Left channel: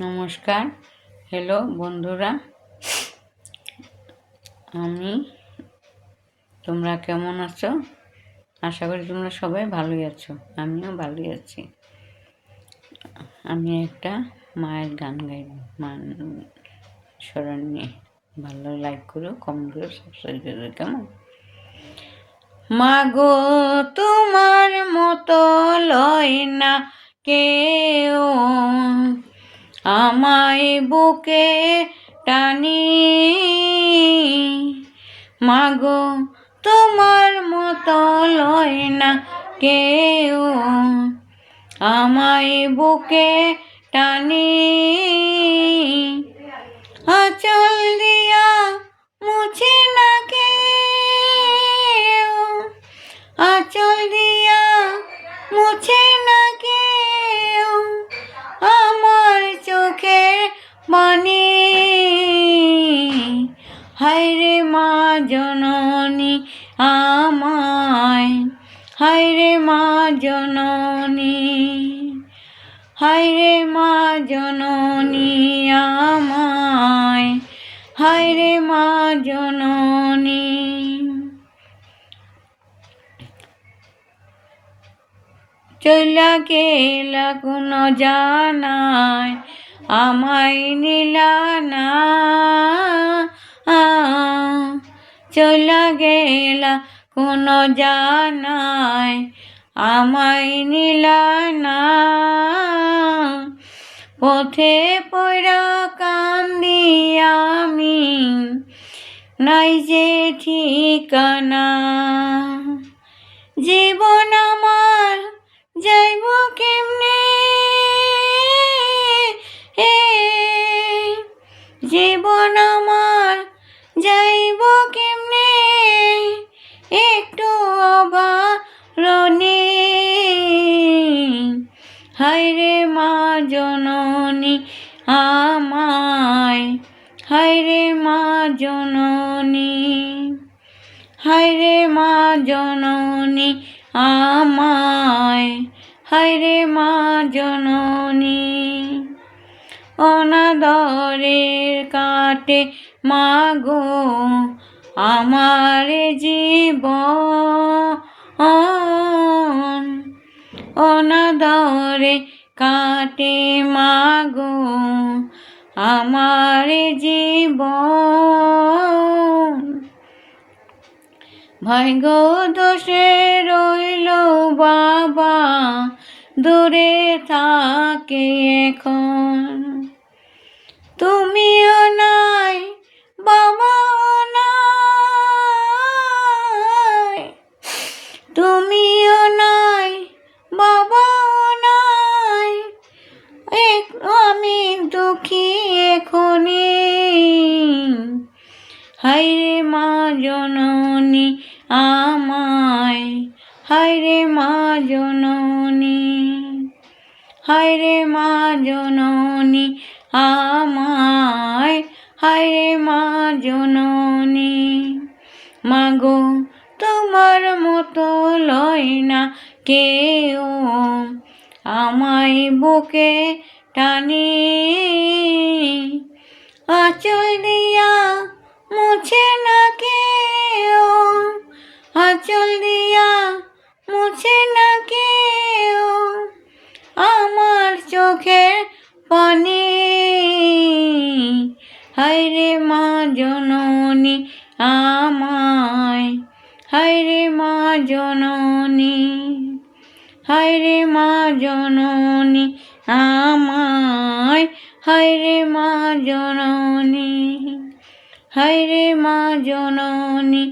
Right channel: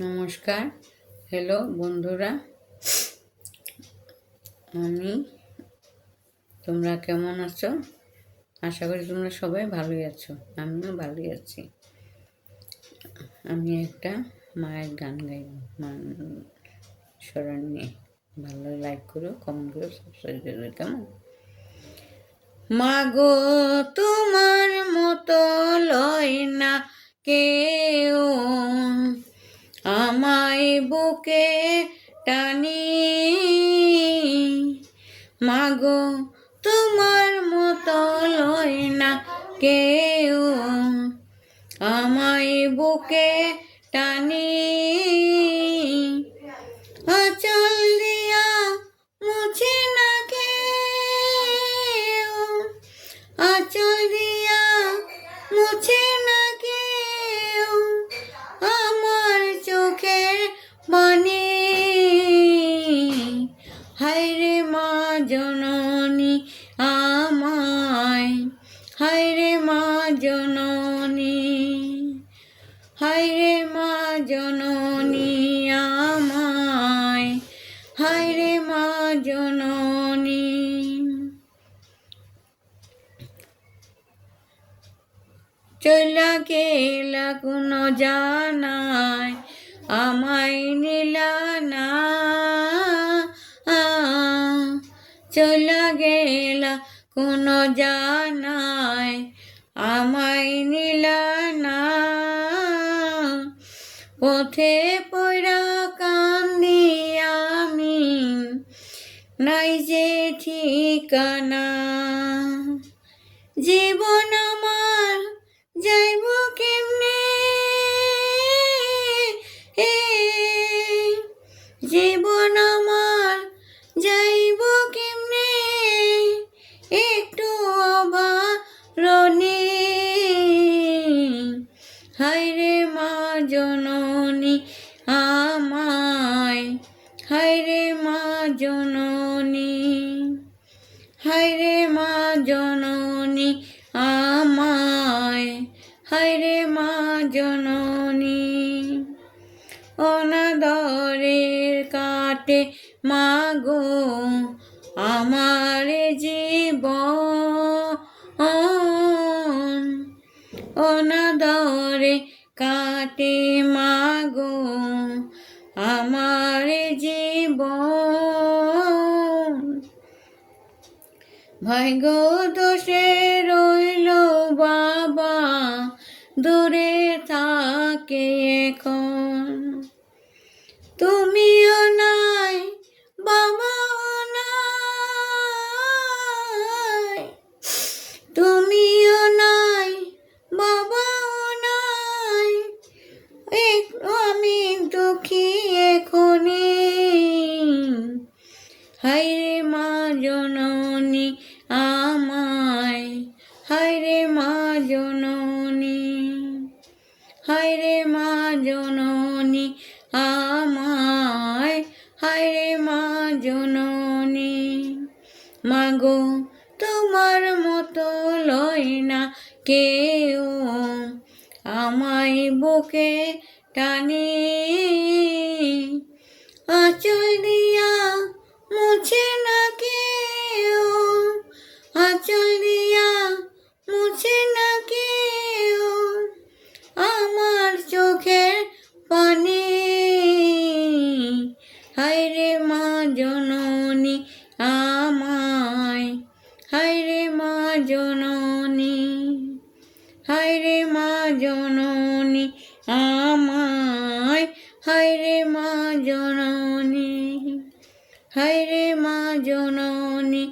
নমস্কার, হ্যালো বন্ধুরা। তোমরা কেমন আছো? আশা করি তোমরা সবাই ভালোই আছো, আমিও ভালোই আছি। আমি একটা মায়ের গান গাইব, মান স্মরণ নিয়ে। ভালো লাইক করো, কমেন্ট করো, সাবস্ক্রাইব করো, কেমন? মাগো তোমার মতো লয় না কেউ, আমায় বুকে টানি। মাগো তোমার মতো লয় না কেউ, আমায় বুকে টানি। আঁচল দিয়া মুছে না কেউ, আঁচল দিয়া মুছে না কেউ আমার চোখের পানি। হায়রে মা জননী আমায়, হায়রে মা জননী, হায়রে মা জননী আমায়, হায়রে মা জননী। চলা গেলা কোন জানায়, আমায় নিলা না। চলা গেলা কোন জানায়, আমায় নিলা না। পথে পড়া কান্দি আমি, নাই যে ঠিকানা। জীবন আমার যাইব কেমনে, জীবন আমার যাইব কেমনে, একটু অবারণী। হায়রে মা জননী আমায়, হায়রে মা জননী, হায়রে মা জননী আমায়, হায়রে মা জননী। অনাদরের কাটে মাগো আমার জীবন, অনাদরে কাটে মাগো আমার জীবন। ভাগ্য দোষে রইল বাবা দূরে থাকে এখন। তুমিও নাই বাবাও নাই, তুমিও নাই বাবাও নাই, আমি দুঃখী এখনি। হায়রে মা জননী আমায়, হায়রে মা জননী, হায়রে মা জননী আমায়, হায়রে মা জননী। মাগো তোমার মতো লয় না কেউ, আমায় বুকে টানি। আঁচল দিয়া মুছে না কেউ, আঁচল দিয়া মুছে না কেউ আমার চোখের পানি। হায়রে মা জননী আমায়, হায়রে মা জননী, হায়রে মা জননী আমায়, হায়রে মা জননী, হায়রে মা জননী